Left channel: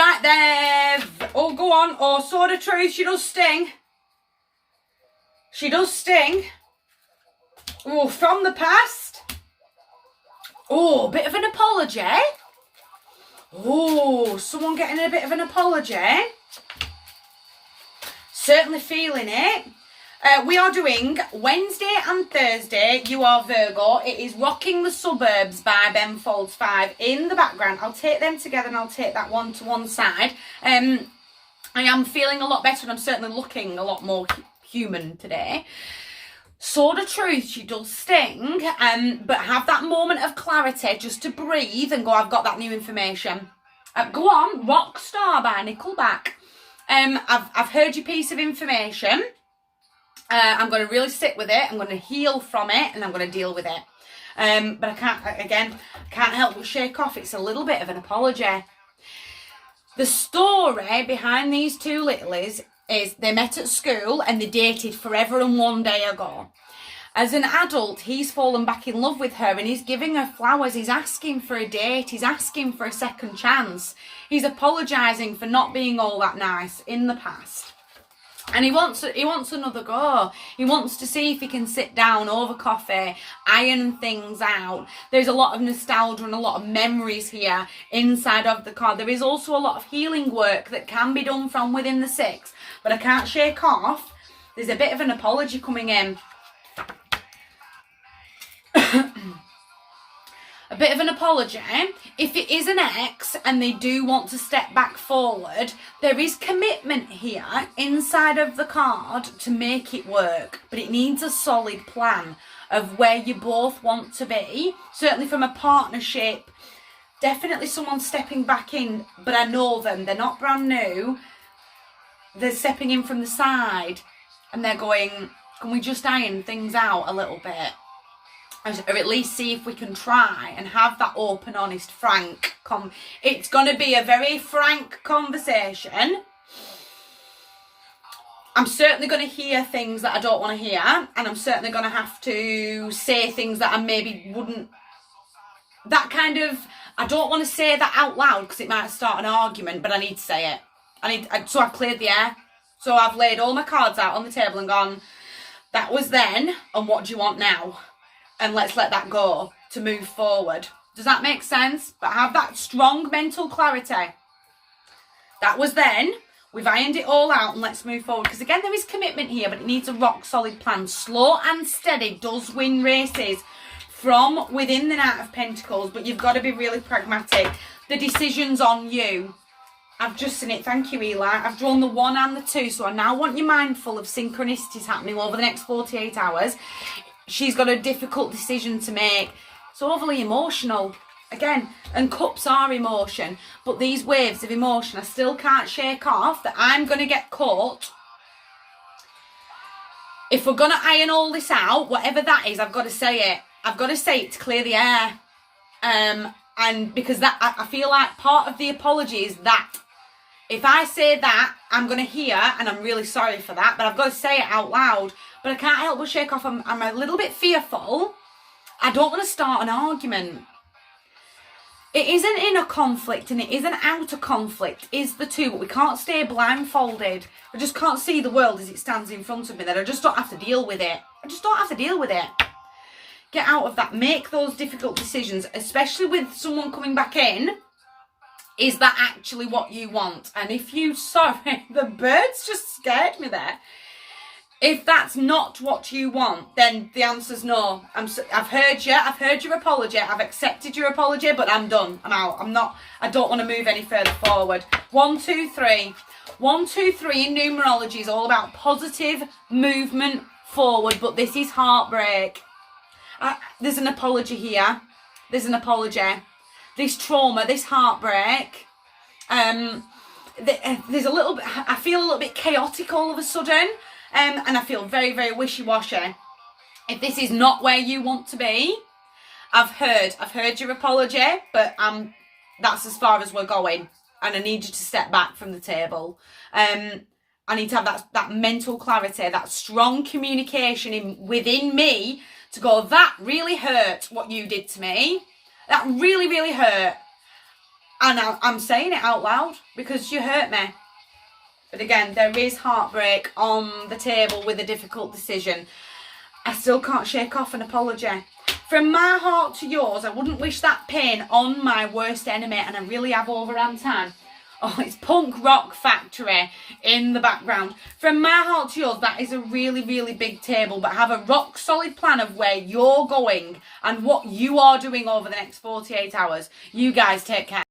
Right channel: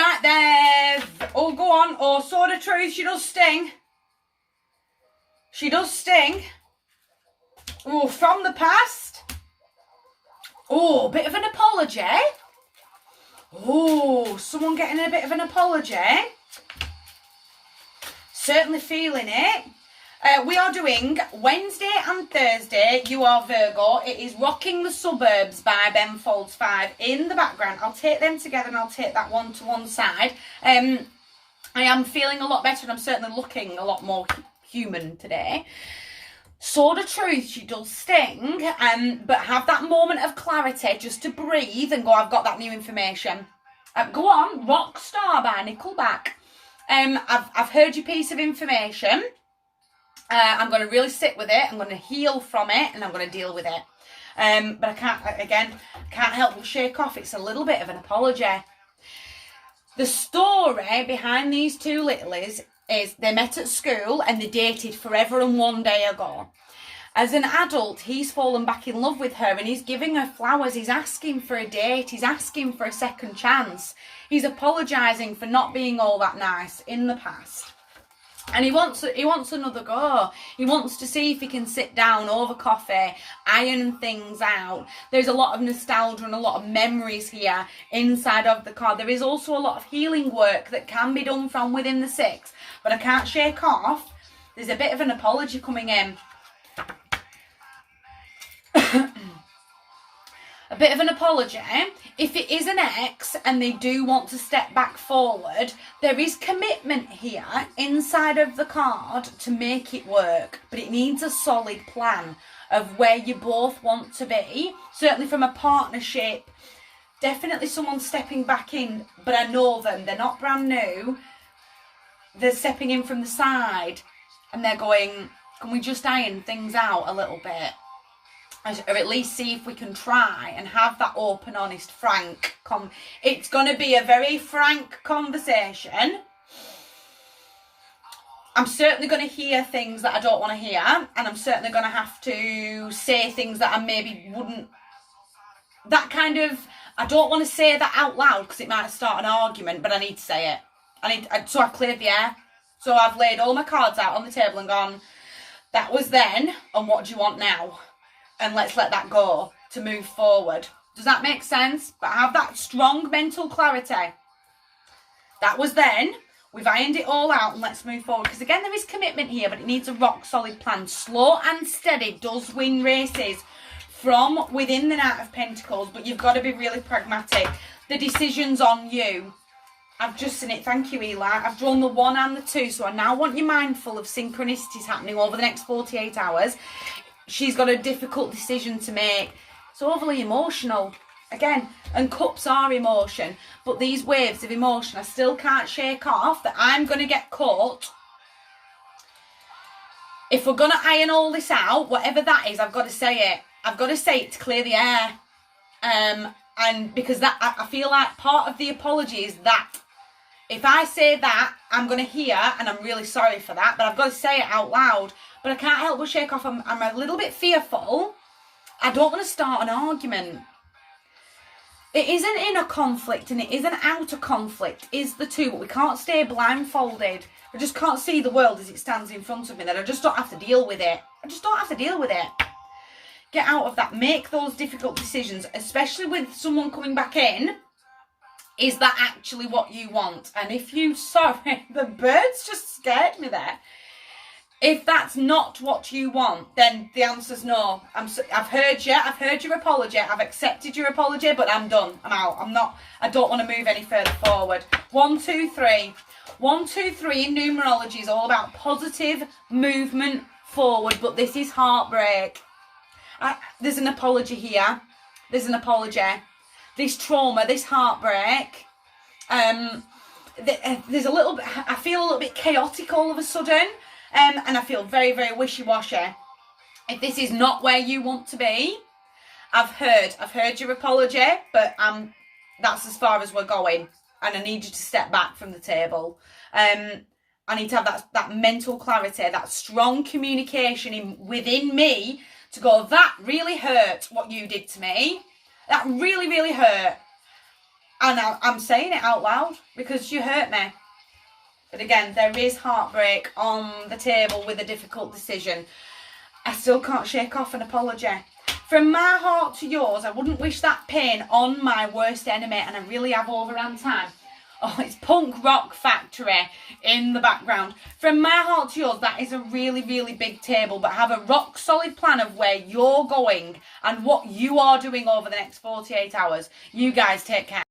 Right there. Oh, go on. Oh, sword of truth. She does sting. She does sting. Oh, from the past. Oh, bit of an apology. Oh, someone getting a bit of an apology. Certainly feeling it. We are doing Wednesday and Thursday. You are Virgo. It is Rocking the Suburbs by Ben Folds 5 in the background. I'll take them together and I'll take that one to one side. I am feeling a lot better and I'm certainly looking a lot more human today. Sword of Truth, she does sting, but have that moment of clarity just to breathe and go, I've got that new information. Go on, Rockstar by Nickelback. I've heard your piece of information. I'm going to really sit with it. I'm going to heal from it and I'm going to deal with it. But I can't help but shake off. It's a little bit of an apology. The story behind these two littlies is they met at school and they dated forever and one day ago. As an adult, he's fallen back in love with her and he's giving her flowers. He's asking for a date. He's asking for a second chance. He's apologising for not being all that nice in the past. And he wants another go. He wants to see if he can sit down over coffee, iron things out. There's a lot of nostalgia and a lot of memories here inside of the card. There is also a lot of healing work that can be done from within the 6. But I can't shake off. There's a bit of an apology coming in. A bit of an apology. If it is an ex and they do want to step back forward, there is commitment here inside of the card to make it work. But it needs a solid plan of where you both want to be. Certainly from a partnership. Definitely someone stepping back in, but I know them. They're not brand new. They're stepping in from the side and they're going, can we just iron things out a little bit? Or at least see if we can try and have that open, honest, frank it's going to be a very frank conversation. I'm certainly going to hear things that I don't want to hear, and I'm certainly going to have to say things that I maybe wouldn't. I don't want to say that out loud because it might start an argument, but I need to say it. So I've cleared the air. So I've laid all my cards out on the table and gone, that was then, and what do you want now? And let's let that go to move forward. Does that make sense? But have that strong mental clarity. That was then. We've ironed it all out and let's move forward. Because again, there is commitment here, but it needs a rock solid plan. Slow and steady does win races from within the Knight of Pentacles. But you've got to be really pragmatic. The decision's on you. I've just seen it. Thank you, Eli. I've drawn the 1 and the 2. So I now want you mindful of synchronicities happening over the next 48 hours. She's got a difficult decision to make. It's overly emotional. Again, and cups are emotion. But these waves of emotion, I still can't shake off that I'm going to get caught. If we're going to iron all this out, whatever that is, I've got to say it. I've got to say it to clear the air. And because that, I feel like part of the apology is that. If I say that, I'm going to hear, and I'm really sorry for that, but I've got to say it out loud. But I can't help but shake off. I'm a little bit fearful. I don't want to start an argument. It isn't inner conflict and it isn't outer conflict, is the two, but we can't stay blindfolded. I just can't see the world as it stands in front of me, that I just don't have to deal with it. I just don't have to deal with it. Get out of that. Make those difficult decisions, especially with someone coming back in. Is that actually what you want? And if you, sorry, the birds just scared me there. If that's not what you want, then the answer's no. I've heard you. I've heard your apology. I've accepted your apology, but I'm done. I'm out. I don't want to move any further forward. 1, 2, 3. 1, 2, 3 in numerology is all about positive movement forward, but this is heartbreak. There's an apology here. There's an apology. This trauma, this heartbreak, there's a little bit, I feel a little bit chaotic all of a sudden, and I feel very, very wishy-washy. If this is not where you want to be, I've heard your apology, but that's as far as we're going, and I need you to step back from the table. I need to have that mental clarity, that strong communication within me to go, that really hurt what you did to me. That really, really hurt. And I'm saying it out loud because you hurt me. But again, there is heartbreak on the table with a difficult decision. I still can't shake off an apology. From my heart to yours, I wouldn't wish that pain on my worst enemy, and I really have overrun time. Oh, it's Punk Rock Factory in the background. From my heart to yours, that is a really, really big table, but have a rock solid plan of where you're going and what you are doing over the next 48 hours. You guys take care.